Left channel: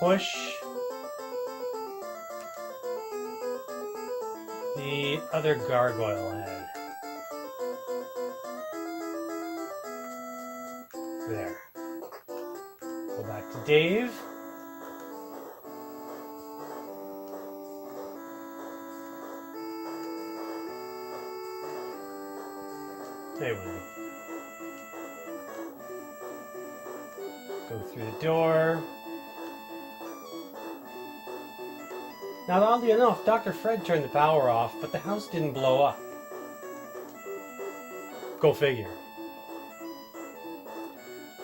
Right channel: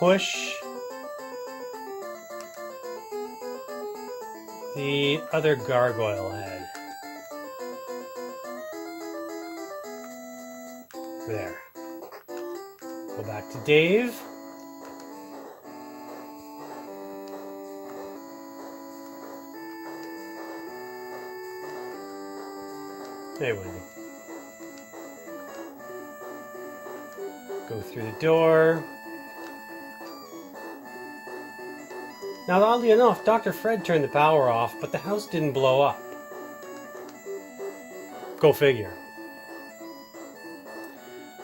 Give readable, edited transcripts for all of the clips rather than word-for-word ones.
push the other gargoyle head. There. Go back to Dave. There we go. Go through the door. Now, oddly enough, Dr. Fred turned the power off, but the house didn't blow up. Go figure.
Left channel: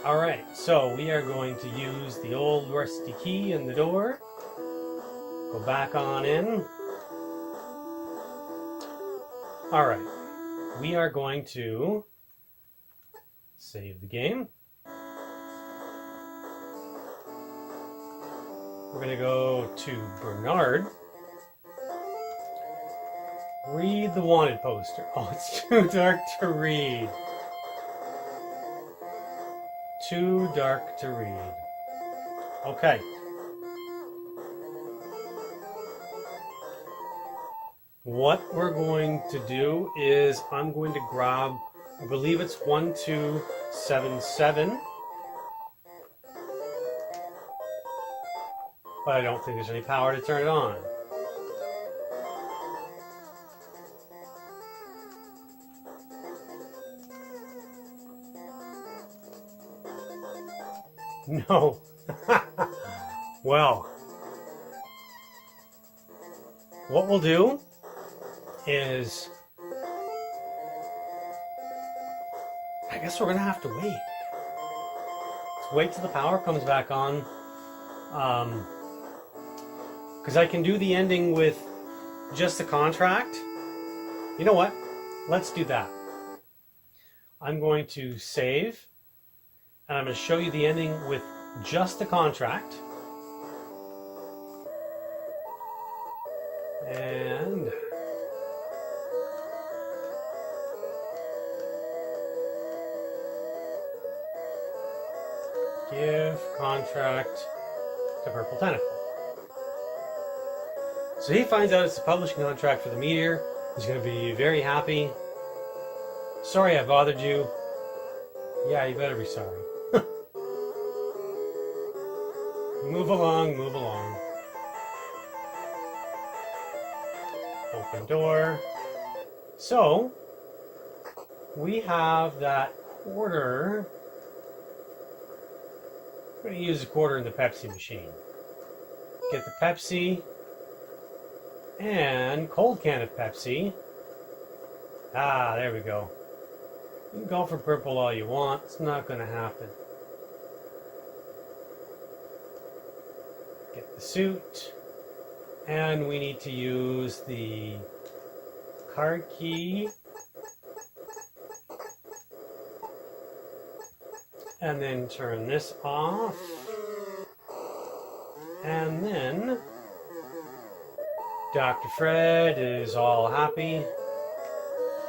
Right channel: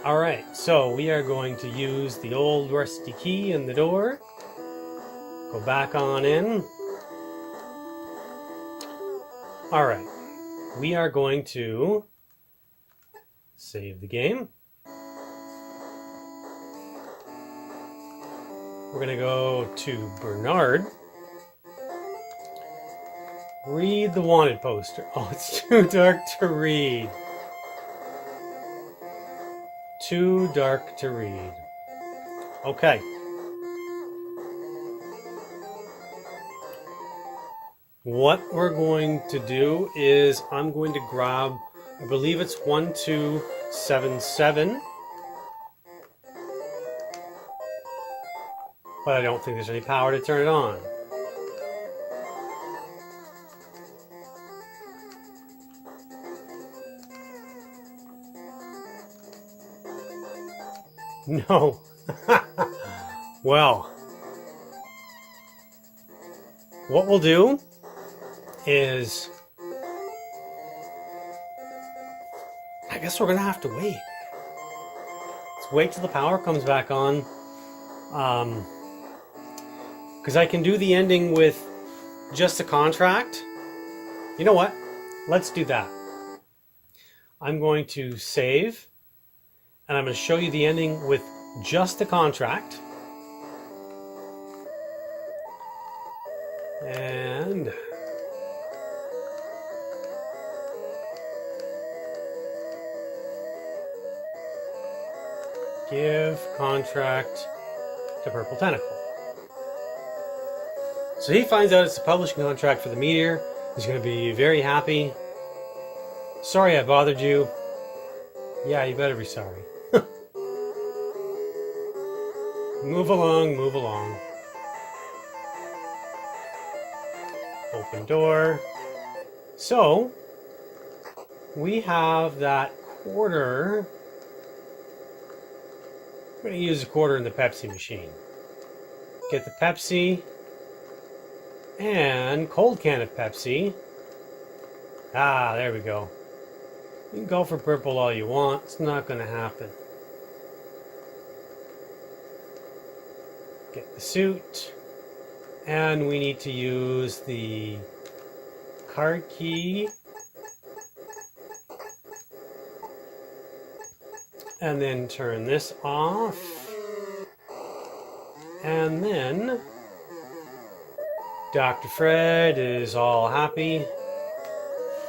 Alright, so we are going to use the old rusty key in the door. Go back on in. Alright, we are going to save the game. We're going to go to Bernard. Read the wanted poster. Oh, it's too dark to read. Too dark to read. Okay. What we're going to do is I'm going to grab, I believe it's 1277. But I don't think there's any power to turn it on. No. Well, what we'll do is, I guess we're going to have to wait. Let's wait till the power comes back on. Because I can do the ending with just a contract. You know what? Let's do that. I'm going to save. And I'm going to show you the ending with just the contract. And give contract to Purple Tentacle. So he finds out it's a publishing contract for the Meteor. He's going to be very happy. Sorry I bothered you. Yeah, you better be sorry. Move along, move along. Open door. So, we have that quarter. I'm going to use a quarter in the Pepsi machine. Get the Pepsi and cold can of Pepsi. Ah, there we go. You can go for purple all you want. It's not going to happen. Get the suit. And we need to use the card key. And then turn this off. And then Dr. Fred is all happy.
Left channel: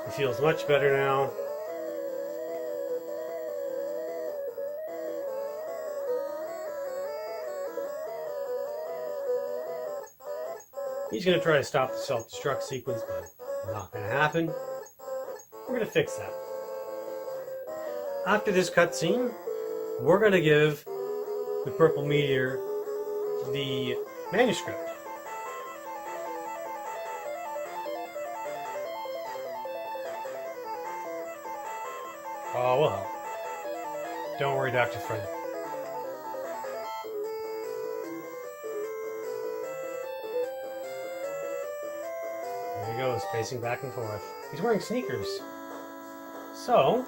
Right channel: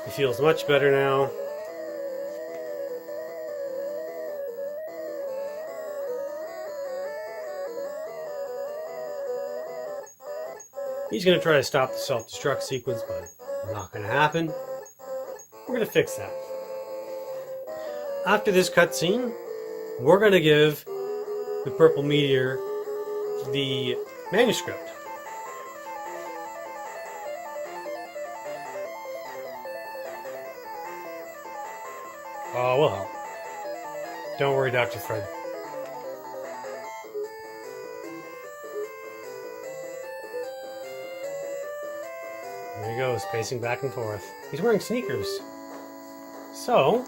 He feels much better now. He's going to try to stop the self-destruct sequence, but not going to happen. We're going to fix that. After this cutscene, we're going to give the Purple Meteor the manuscript. Oh, we'll help. Don't worry, Dr. Fred. There he goes, pacing back and forth. He's wearing sneakers. So,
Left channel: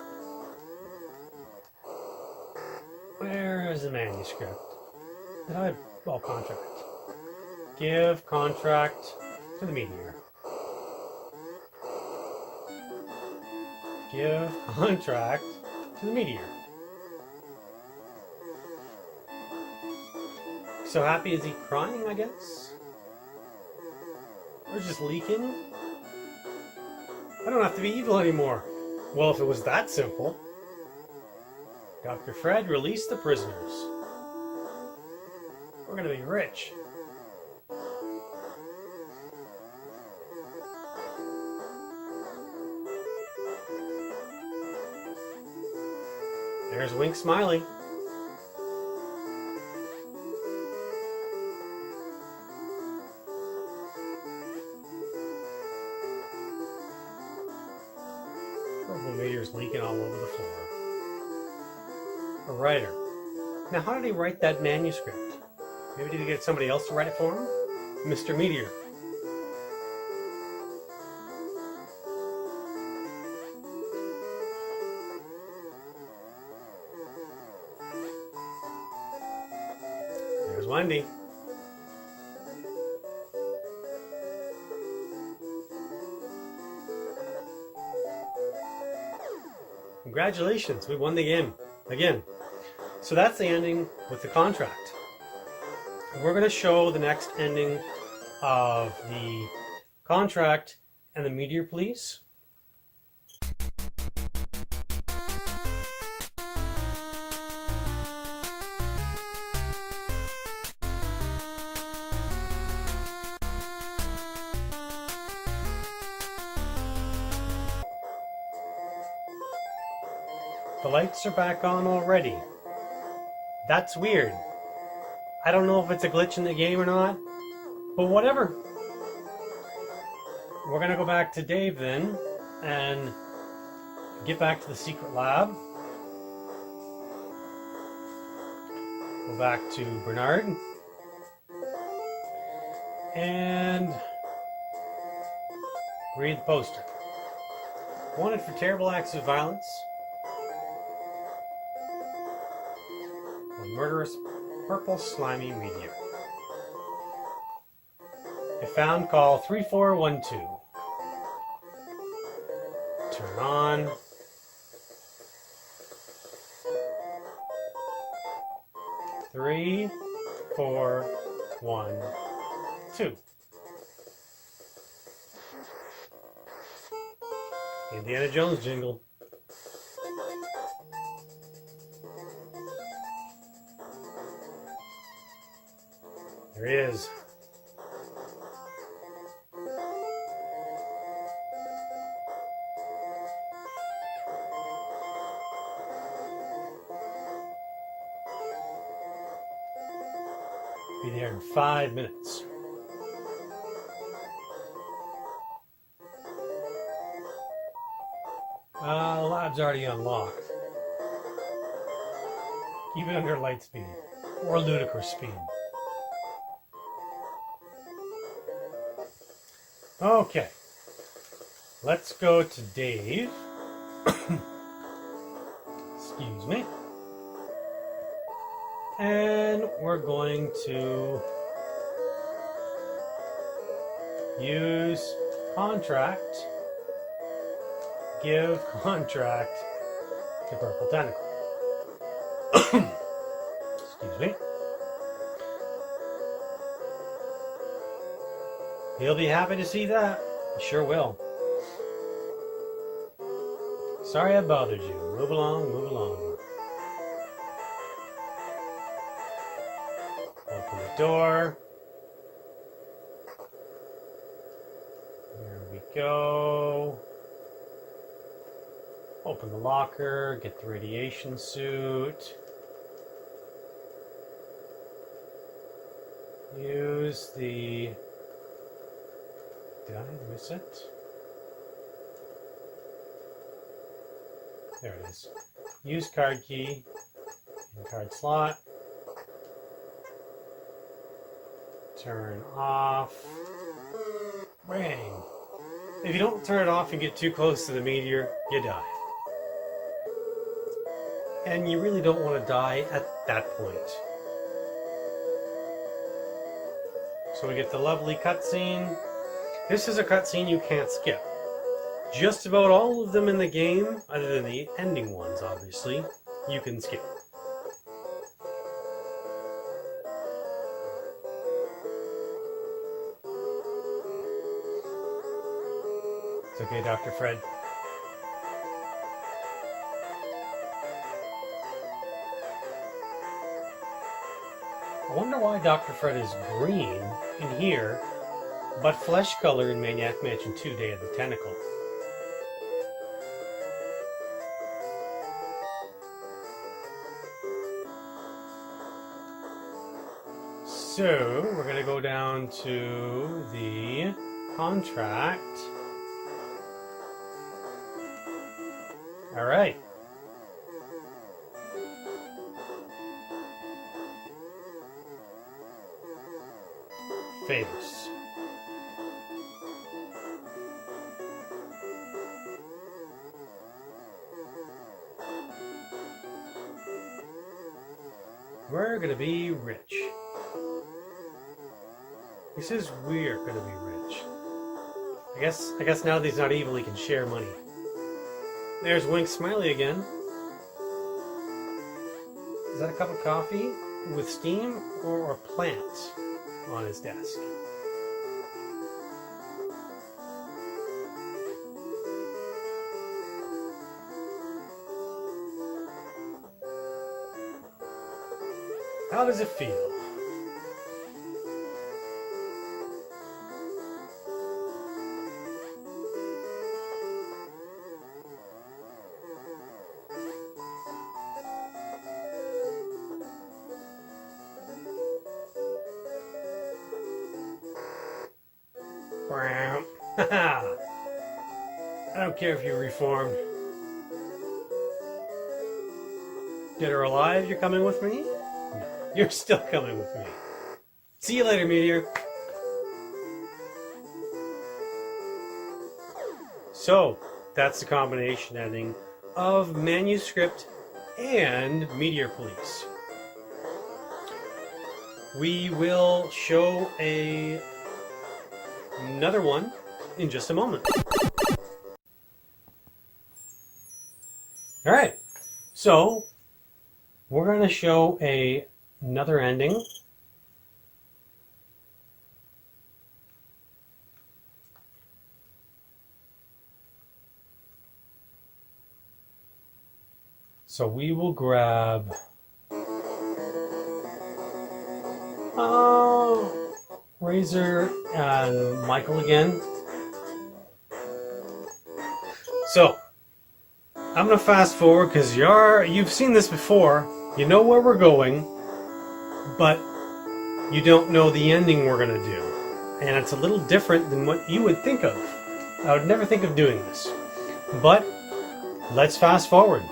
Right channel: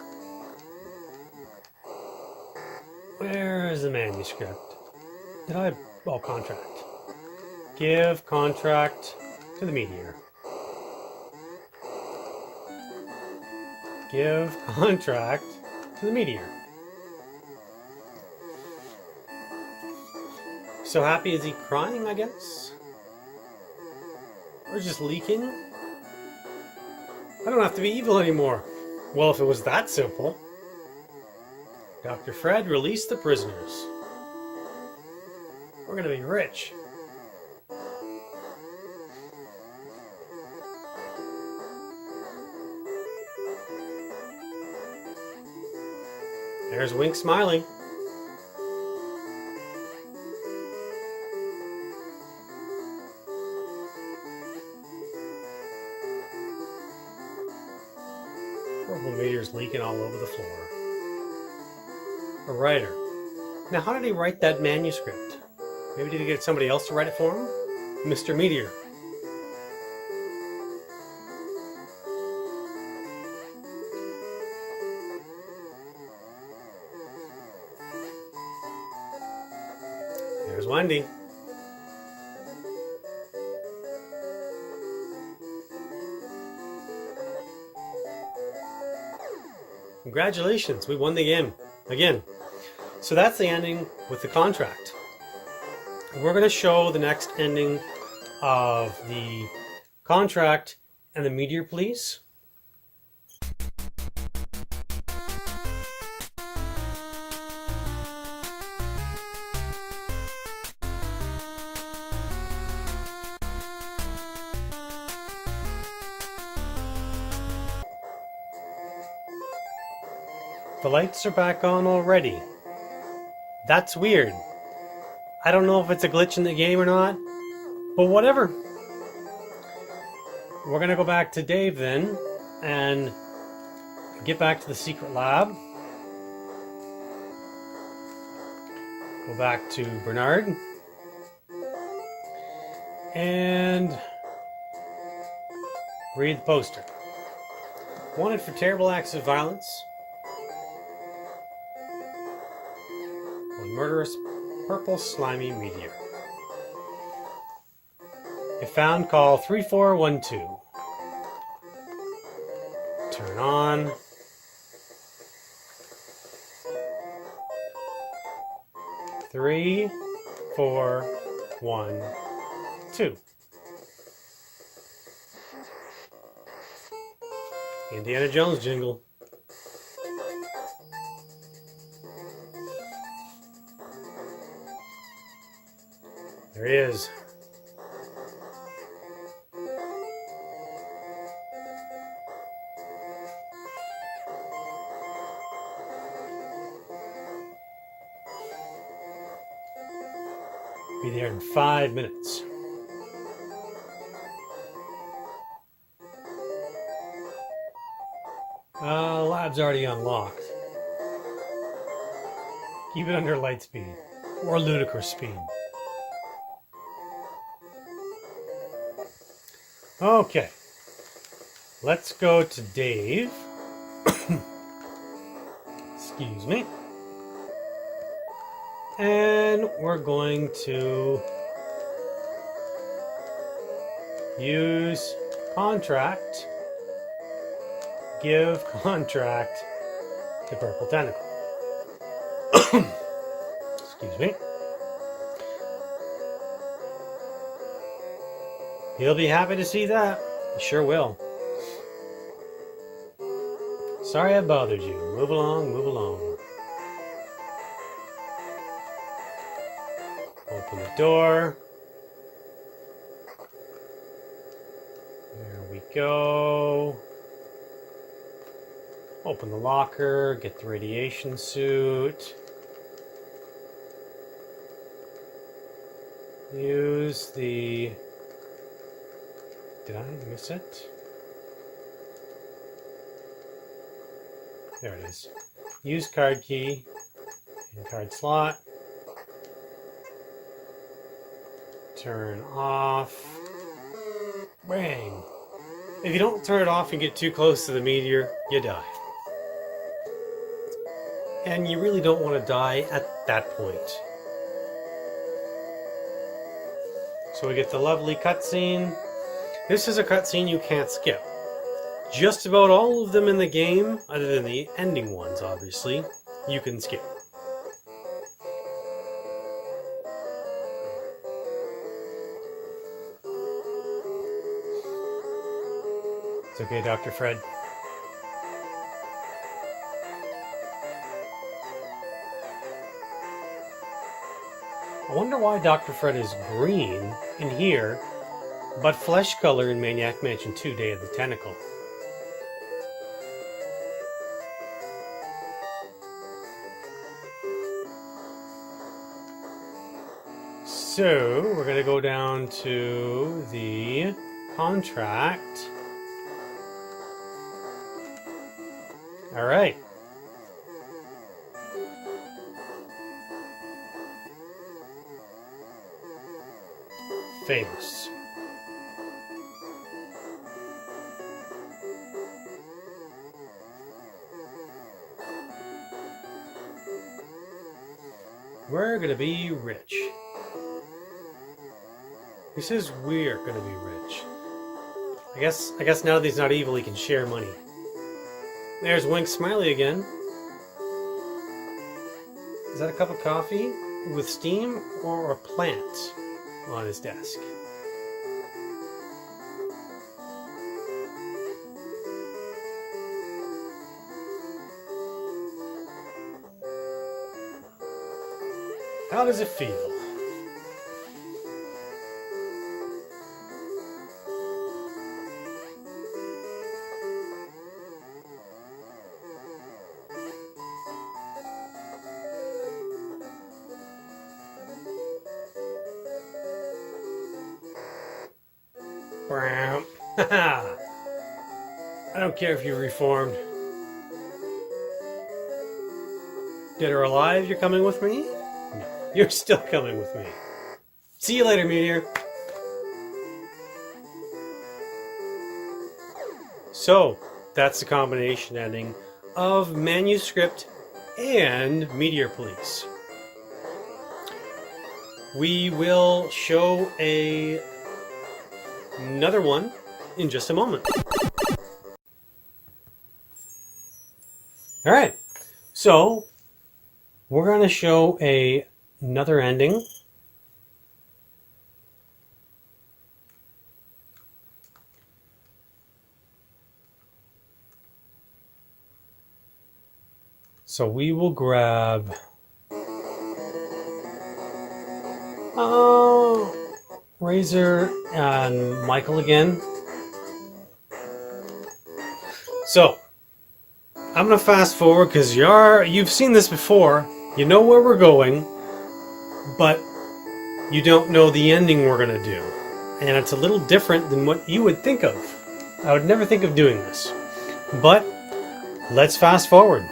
where is the manuscript? Did I... Oh, contract. Give contract to the Meteor. Give contract to the Meteor. So happy, is he crying, I guess? Or just leaking? I don't have to be evil anymore. Well, if it was that simple. Dr. Fred, release the prisoners. We're gonna be rich. There's Wink smiling. Purple meteor's leaking all over the floor. A writer. Now, how did he write that manuscript? Maybe did he get somebody else to write it for him? Mr. Meteor. There's Wendy. Congratulations, we won the game again. So that's the ending with the contract. We're going to show the next ending of the contract and the meteor police. The lights are back on already. That's weird. I don't know if it's a glitch in the game or not, but whatever. We're gonna go back to Dave then and get back to the secret lab. Go back to Bernard and read the poster. Wanted for terrible acts of violence. Murderous purple slimy meteor. If found, call 3412. Turn on. Three, 4, 1, 2. Indiana Jones jingle. There he is. Be there in 5 minutes. Lab's already unlocked. Keep it under light speed or ludicrous speed. Okay, let's go to Dave. Excuse me. And we're going to use contract, give contract to Purple Tentacle. Excuse me. He'll be happy to see that. He sure will. Sorry I bothered you. Move along, move along. Open the door. There we go. Open the locker, get the radiation suit. Use the... Did I miss it? There it is. Use card key in card slot. Turn off. Ring. If you don't turn it off and get too close to the meteor, you die. And you really don't want to die at that point. So we get the lovely cutscene. This is a cutscene you can't skip. Just about all of them in the game, other than the ending ones, obviously, you can skip. It's okay, Dr. Fred. I wonder why Dr. Fred is green in here, but flesh color in Maniac Mansion 2 Day of the Tentacle. So we're going to go down to the contract. All right. Famous. We're going to be rich. He says we're going to be rich. I guess now that he's not evil, he can share money. There's Wink Smiley again. Is that a cup of coffee with steam or a plant on his desk? How does it feel? I don't care if you're reformed. Dead or alive, you're coming with me? No, you're still coming with me. See you later, Meteor. So, that's the combination ending of Manuscript and Meteor Police. We will show another one in just a moment. All right, so we're going to show another ending. So we will grab Razor and Michael again. So I'm going to fast forward because you've seen this before. You know where we're going, but you don't know the ending we're going to do. And it's a little different than what you would think of. I would never think of doing this. But let's fast forward.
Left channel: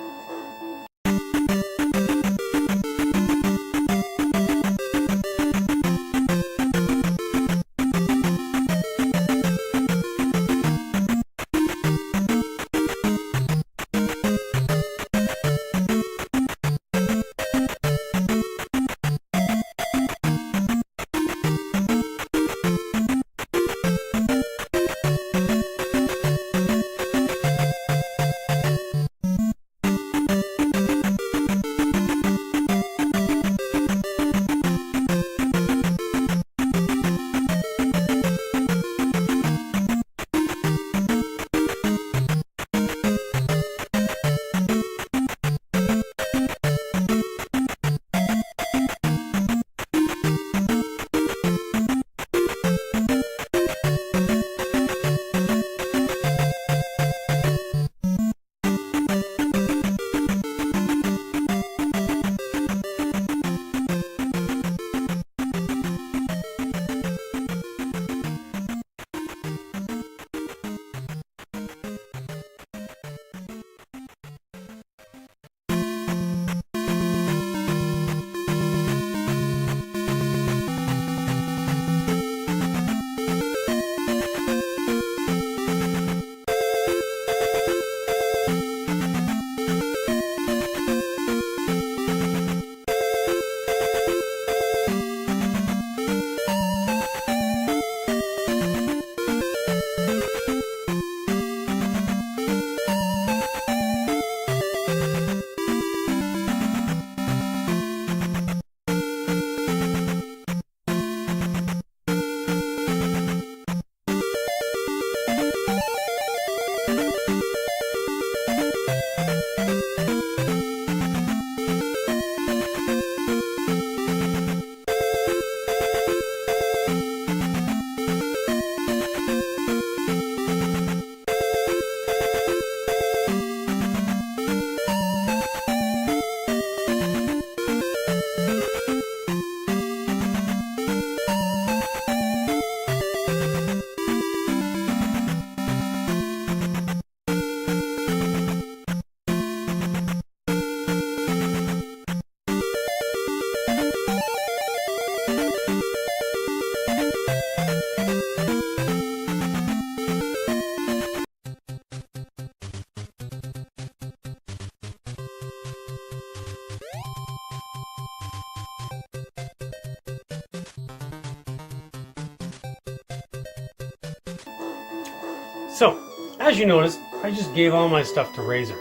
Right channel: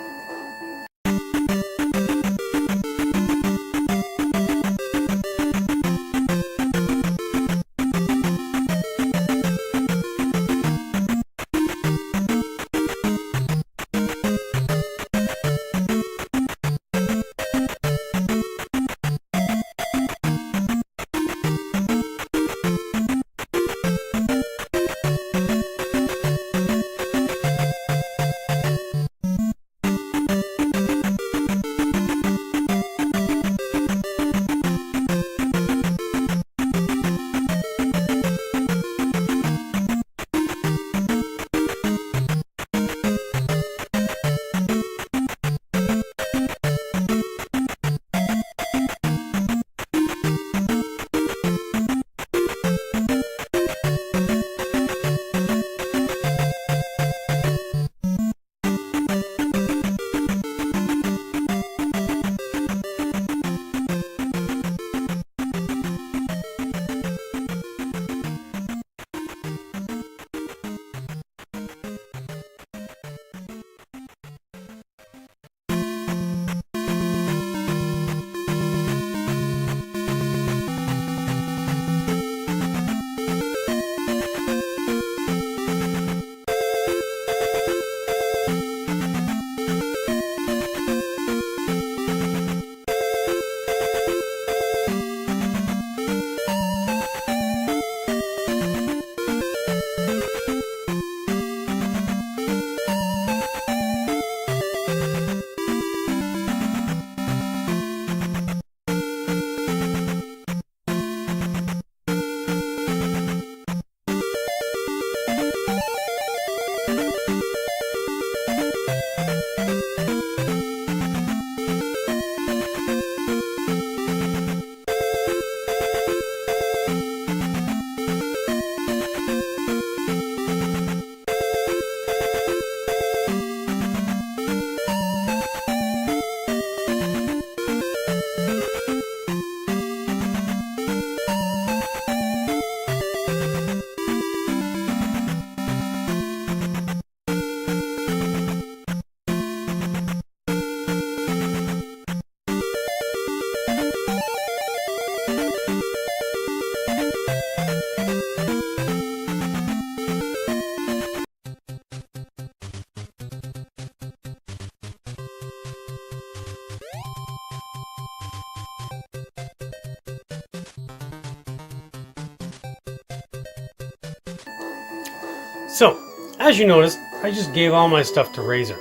So, as you noticed, I just gave all my stuff to Razor.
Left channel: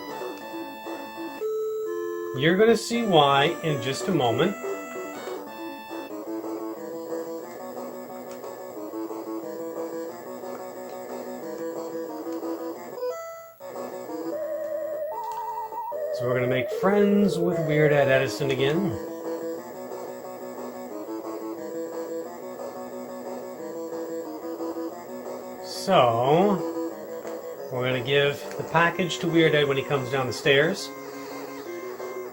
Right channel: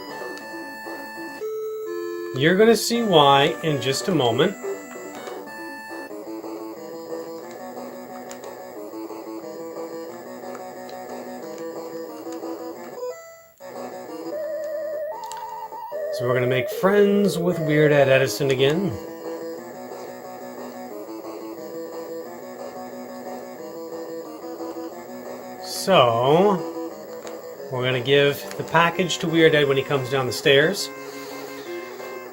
You're going to see why in just a moment. So we're going to make friends with Weird Ed Edison again. So, we're going to give the package to Weird Ed when he comes down the stairs.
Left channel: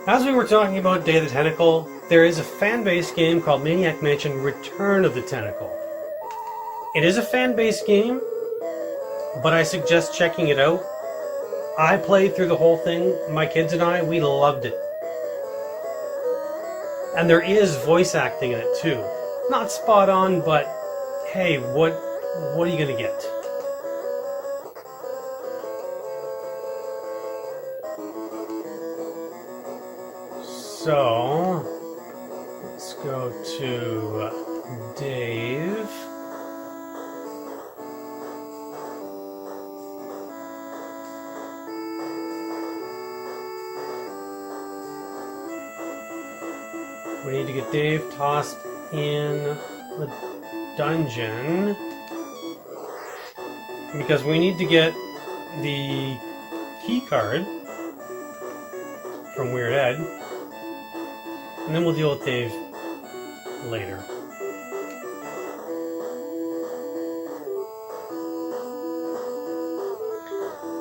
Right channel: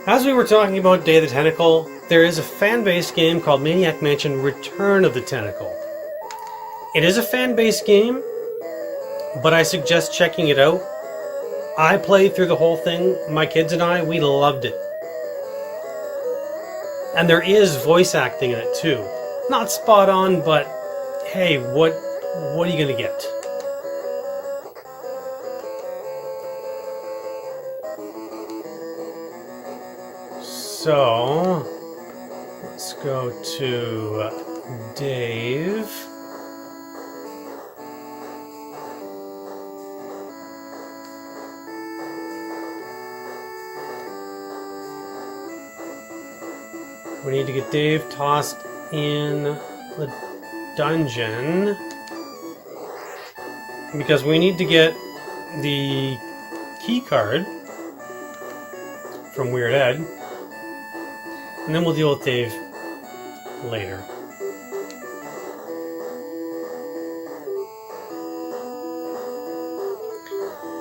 As we were talking about Day of the Tentacle, there is a fan-based game called Maniac Mansion Return of the Tentacle. It is a fan-based game, but I suggest checking it out. I played through the whole thing. My kids and I, we loved it. And there is voice acting in it too. Not spot on, but hey, what are you going to get? So, let's go to Dave. We need to get Dave tossed in the dungeon because we need to get the key card from Weird Ed, and then we'll deal with Dave later.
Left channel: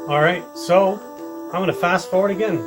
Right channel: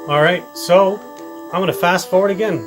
Alright, so I'm going to fast forward again.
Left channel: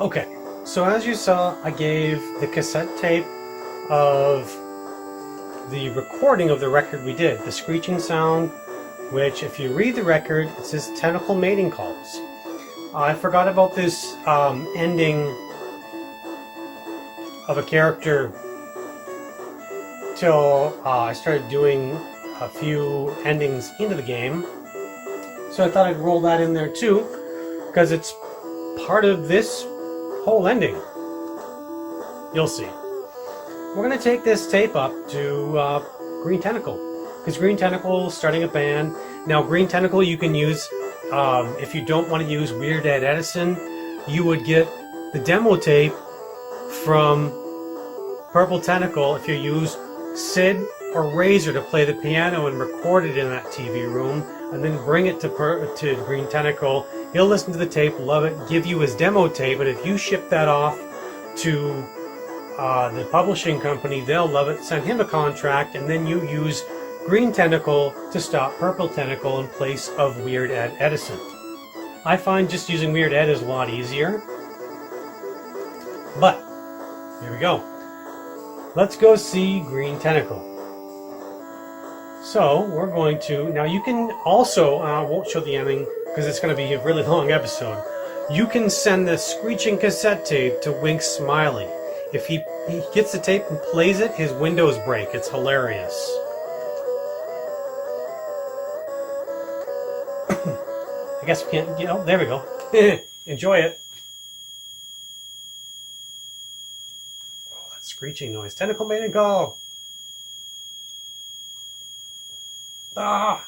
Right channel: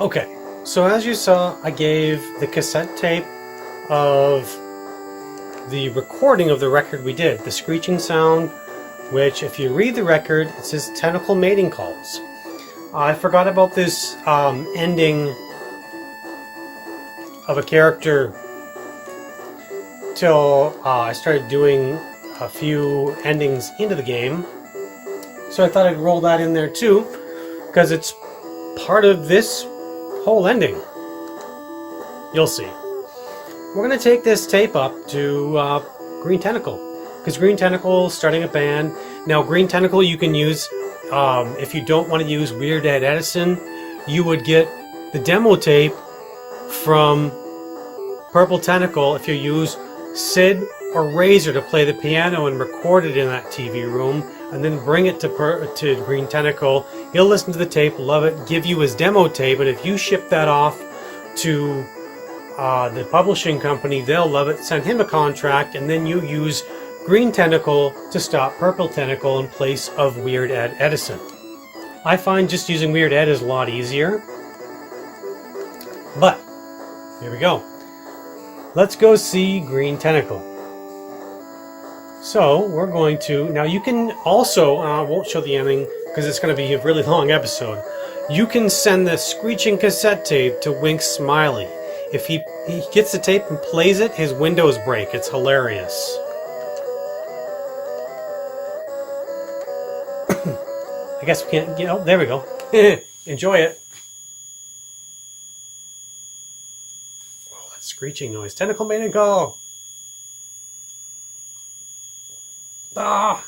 Okay, so as you saw, I gave the cassette tape of the recording of the record we did, the screeching sound, which if you read the record, it says tentacle mating calls. I forgot about this ending of a character till I started doing a few endings into the game. So I thought I'd roll that in there too, because it's part of this whole ending. You'll see. We're going to take this tape up to Green Tentacle, because Green Tentacle is starting a band. Now, Green Tentacle you can use, if you don't want to use Weird Ed Edison, you would get the demo tape from Purple Tentacle if you use Sid or Razor to play the piano and record it in that TV room, and then bring it to Green Tentacle. He'll listen to the tape, love it, give you his demo tape, and if you ship that off to the publishing company, they'll love it, send him a contract, and then you use Green Tentacle to stop Purple Tentacle in place of Weird Ed Edison. I find just using Weird Ed is a lot easier. But, here we go. Let's go see Green Tentacle. So, we're going to... Now, you can also... I won't show the ending because it's going to be a really long episode. You can send the screeching cassette tape to Wink Smiley. If he gets the tape and plays it, his windows break. It's hilarious. I guess we can't... You know, there we go. Enjoy it. Oh, that screeching noise. Tentacle mating call. Ah!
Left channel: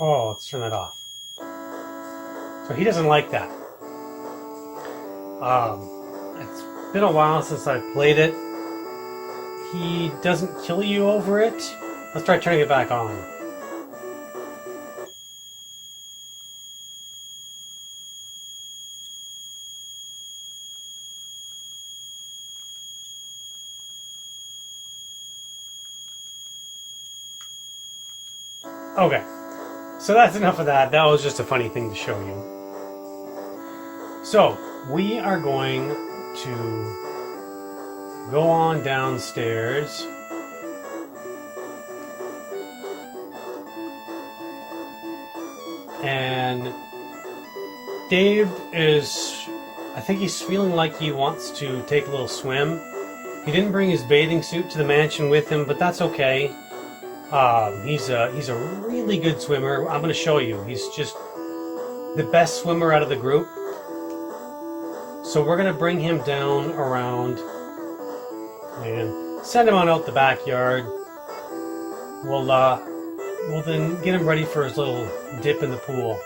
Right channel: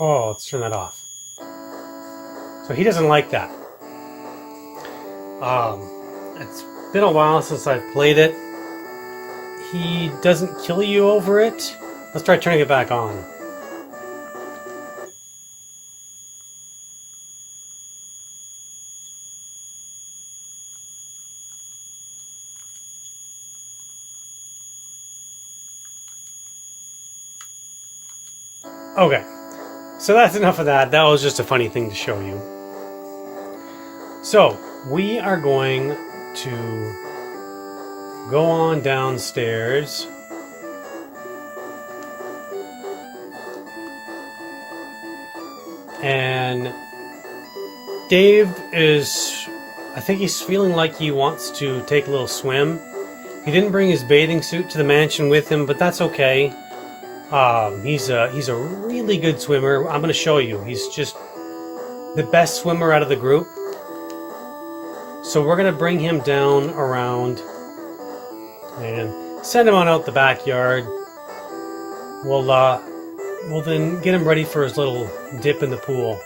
Oh, let's turn that off. So he doesn't like that. It's been a while since I've played it. He doesn't kill you over it. Let's try turning it back on. Okay, so that's enough of that. That was just a funny thing to show you. So, we are going to go on downstairs. And Dave is, I think he's feeling like he wants to take a little swim. He didn't bring his bathing suit to the mansion with him, but that's okay. He's a really good swimmer. I'm going to show you. He's just the best swimmer out of the group. So we're going to bring him down around and send him on out the backyard. We'll then get him ready for his little dip in the pool.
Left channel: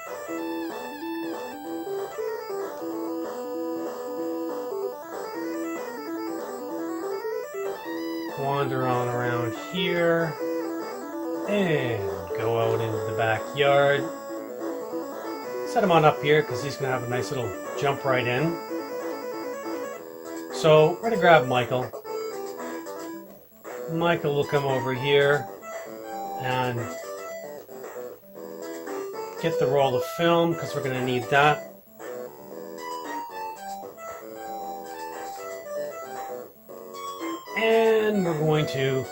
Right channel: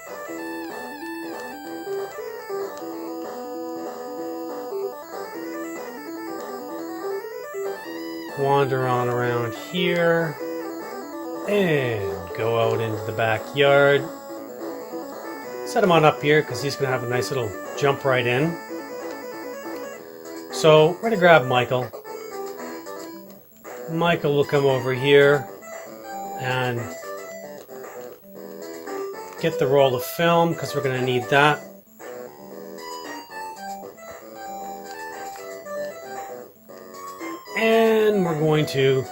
Wander on around here. And go out into the backyard. Set him on up here because he's going to have a nice little jump right in. So we're going to grab Michael. Michael will come over here and get the roll of film because we're going to need that. And we're going to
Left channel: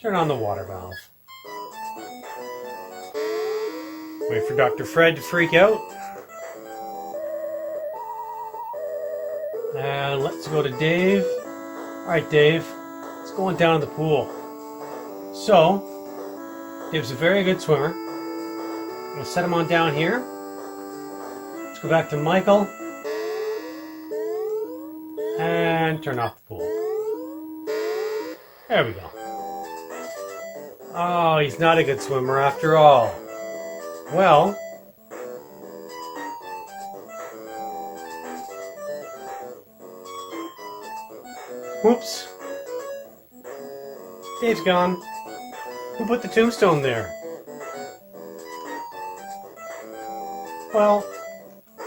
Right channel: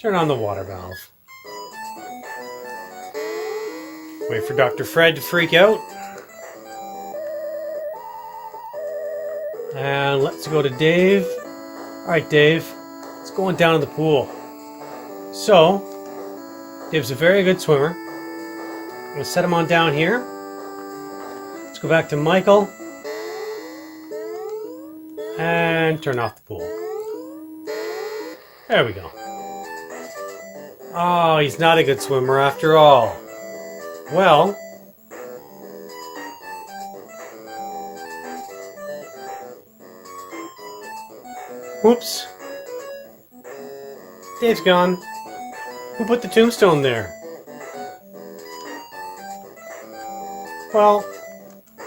turn on the water valve. Wait for Dr. Fred to freak out. And let's go to Dave. Alright, Dave. Let's go on down to the pool. So, Dave's a very good swimmer. I'm going to set him on down here. Let's go back to Michael. And turn off the pool. There we go. Oh, he's not a good swimmer after all. Well, whoops. Dave's gone. Who put the tombstone there? Well,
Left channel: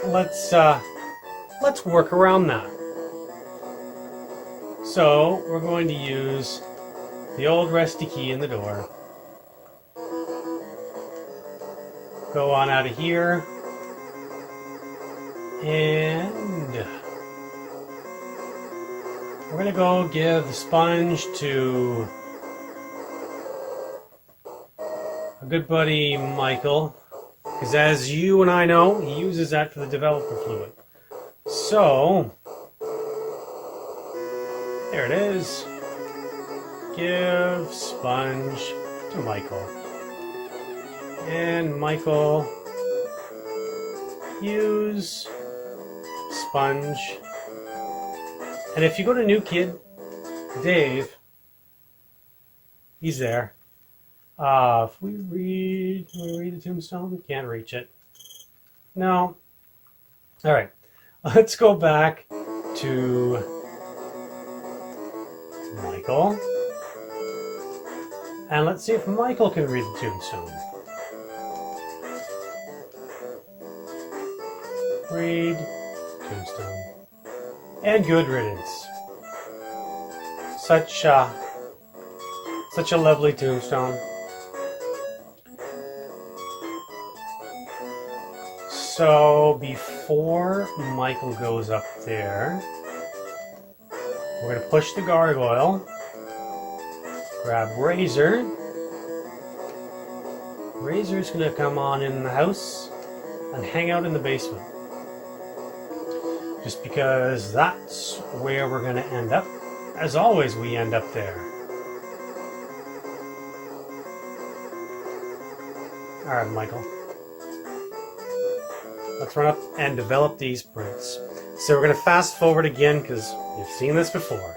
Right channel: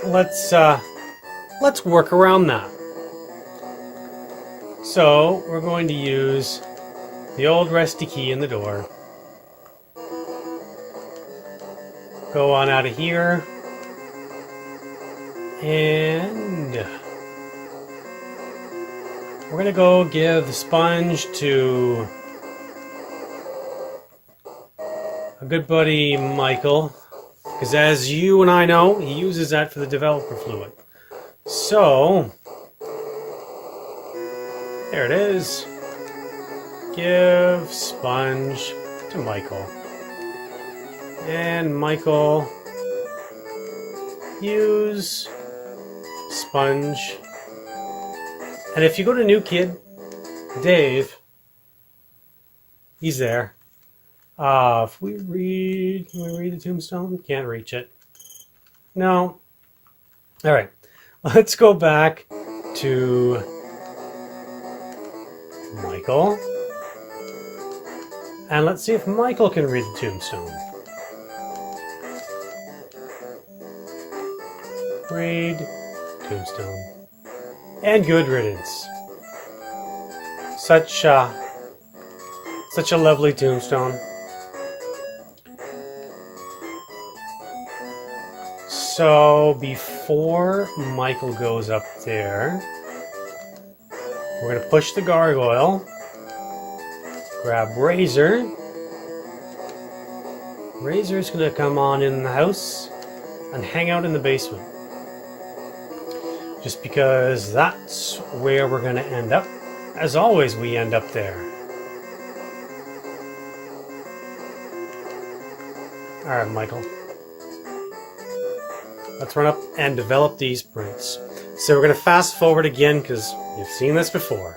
let's work around that. So, we're going to use the old rusty key in the door. Go on out of here. And we're going to go give the sponge to a good buddy, Michael. Because as you and I know, he uses that for the developer fluid. So, there it is. Give sponge to Michael. And Michael, use sponge. And if you go to new kid, Dave, he's there. If we read, can we read the tombstone? Can't reach it. No. All right. Let's go back to Michael. And let's see if Michael can read the tombstone. Read tombstone. And good riddance. Such a lovely tombstone. So before Michael goes up there, we're going to push the gargoyle, grab Razor. Razor's going to come on in the house and hang out in the basement. Just because that's where we're going to end up. As always, we end up there. Alright, Michael. Let's run up and develop these prints. So we're going to fast forward again because you've seen this before.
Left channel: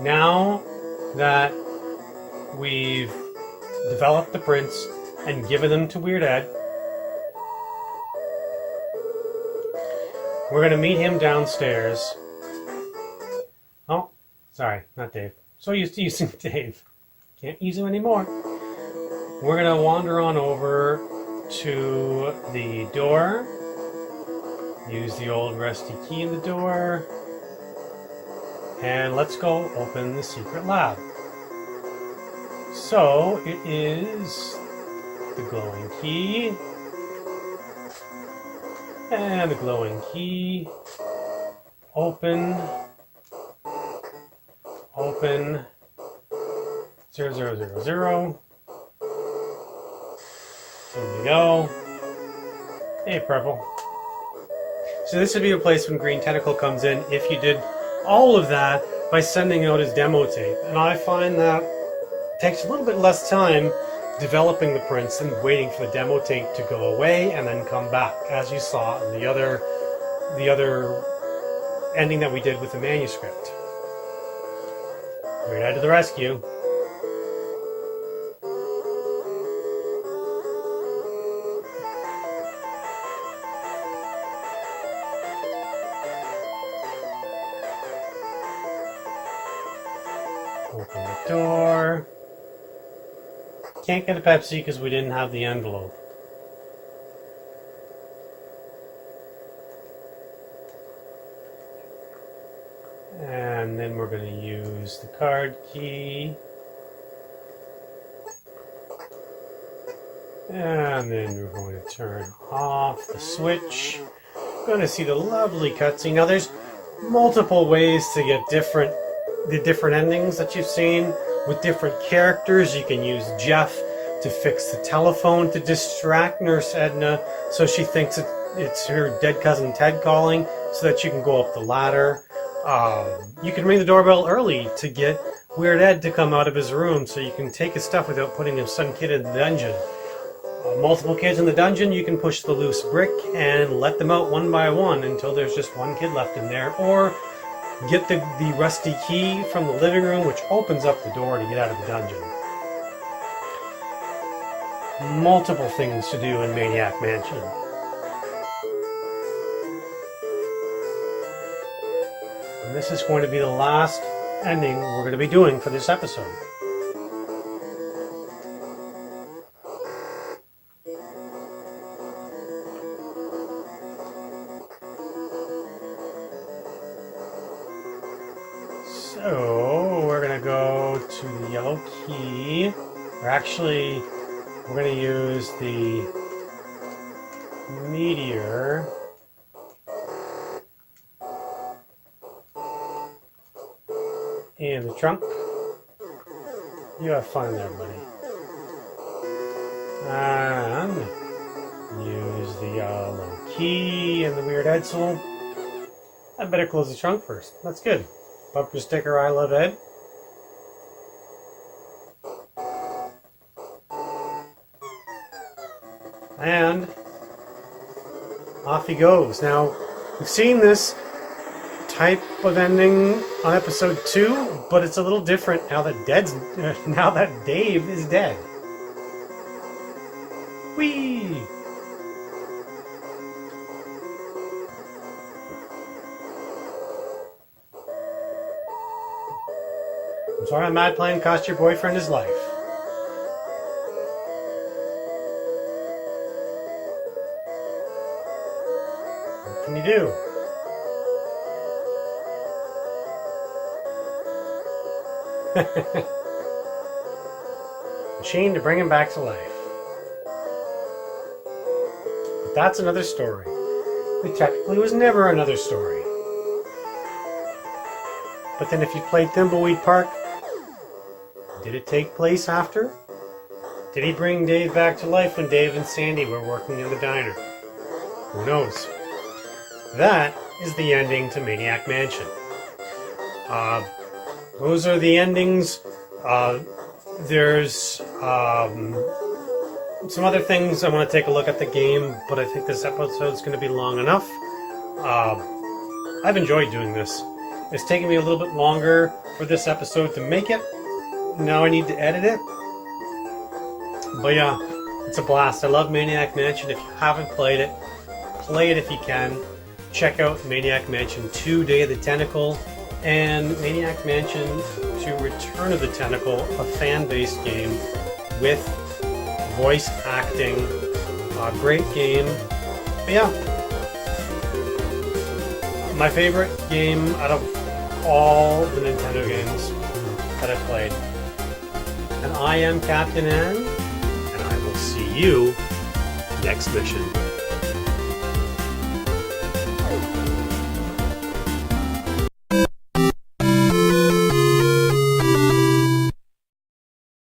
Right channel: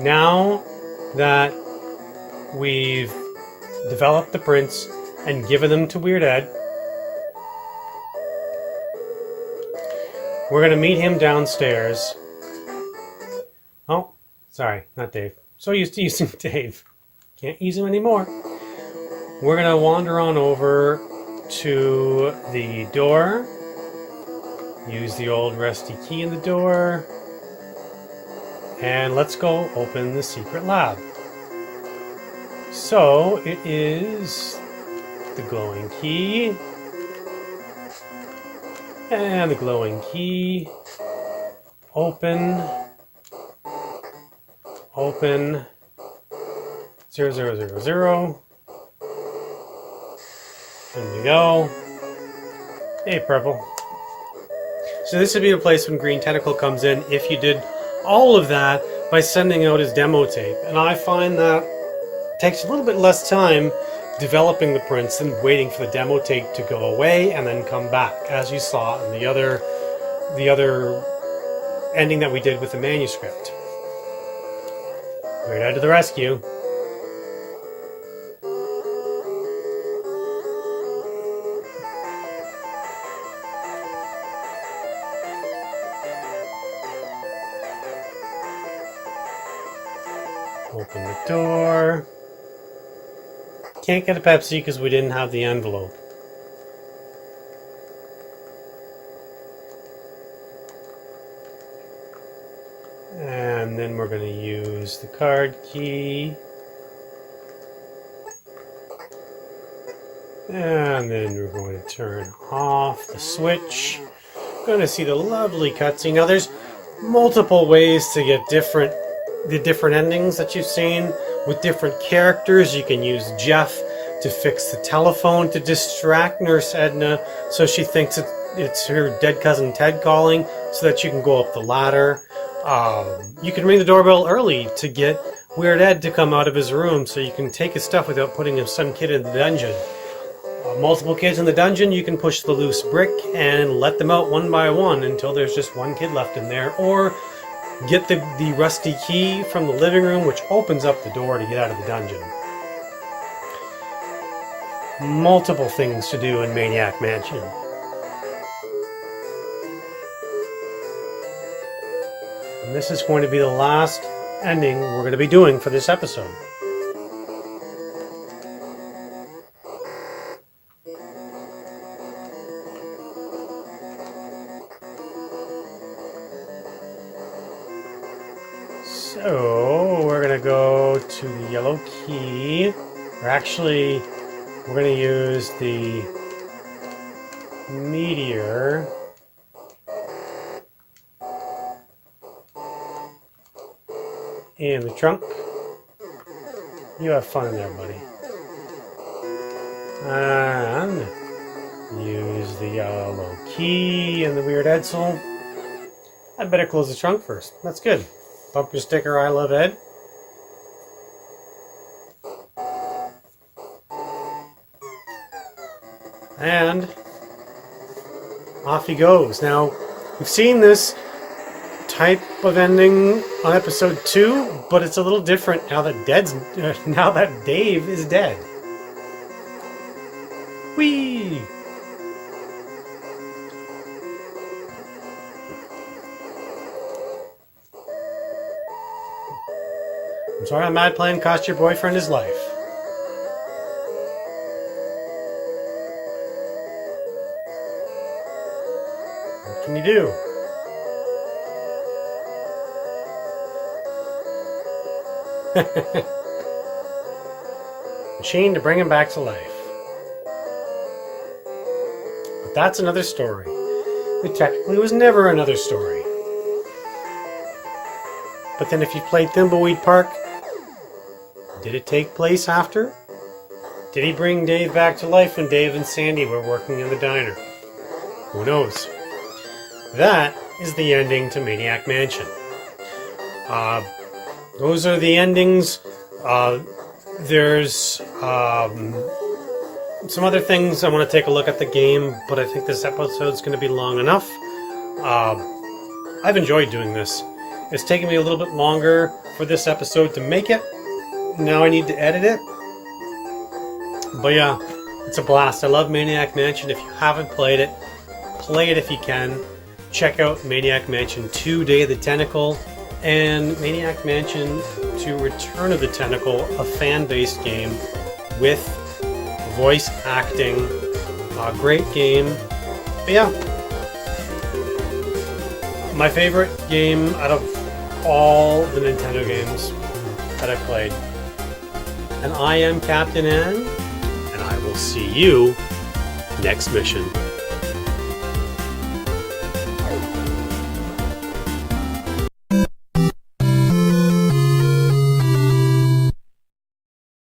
Now that we've developed the prints and given them to Weird Ed, we're going to meet him downstairs. Oh, sorry, not Dave. So used to using Dave. Can't use him anymore. We're going to wander on over to the door. Use the old rusty key in the door. And let's go open the secret lab. So it is the glowing key. And the glowing key. Open. Open. 0000. There we go. Hey, purple. So this would be a place when Green Tentacle comes in if you did all of that by sending out his demo tape. And I find that takes a little bit less time developing the prints than waiting for the demo tape to go away and then come back, as you saw in the other ending that we did with the manuscript. Weird Ed to the rescue. Open the door. Can't get a Pepsi because we didn't have the envelope. And then we're going to use the card key. And then we're going to turn off the switch. Going to see the lovely cutscene. Now there's multiple ways to get the different endings that you've seen with different characters. You can use Jeff to fix the telephone to distract Nurse Edna so she thinks it's her dead cousin Ted calling so that you can go up the ladder. You can ring the doorbell early to get Weird Ed to come out of his room so you can take his stuff without putting some kid in the dungeon. Multiple kids in the dungeon, you can push the loose brick and let them out one by one until there's just one kid left in there, or get the rusty key from the living room, which opens up the door to get out of the dungeon. Multiple things to do in Maniac Mansion. And this is going to be the last ending we're going to be doing for this episode. So we're going to go to the yellow key. We're going to use the meteor. In the trunk. You have fun there, buddy. And use the yellow key and the weird Edsel. I better close the trunk first. That's good. Bumper sticker, I love Ed. And off he goes. Now, we've seen this type of ending on episode 2, but it's a little different now that Dave is dead. Whee! I'm sorry a mad plan cost your boyfriend his life. What can you do? Machine to bring him back to life. But that's another story. It technically was never another story. But then if you played Thimbleweed Park, did it take place after? Did he bring Dave back to life when Dave and Sandy were working in the diner? Who knows? That is the ending to Maniac Mansion. Those are the endings. There's some other things. I want to take a look at the game, but I think this episode's going to be long enough. I've enjoyed doing this. It's taken me a little bit longer for this episode to make it. Now I need to edit it. But yeah, it's a blast. I love Maniac Mansion. If you haven't played it, play it if you can. Check out Maniac Mansion 2, Day of the Tentacle, and Maniac Mansion 2, Return of the Tentacle, a fan-based game with voice acting. A great game. But yeah, my favorite game out of all the Nintendo games that I've played. And I am Captain N, and I will see you next mission.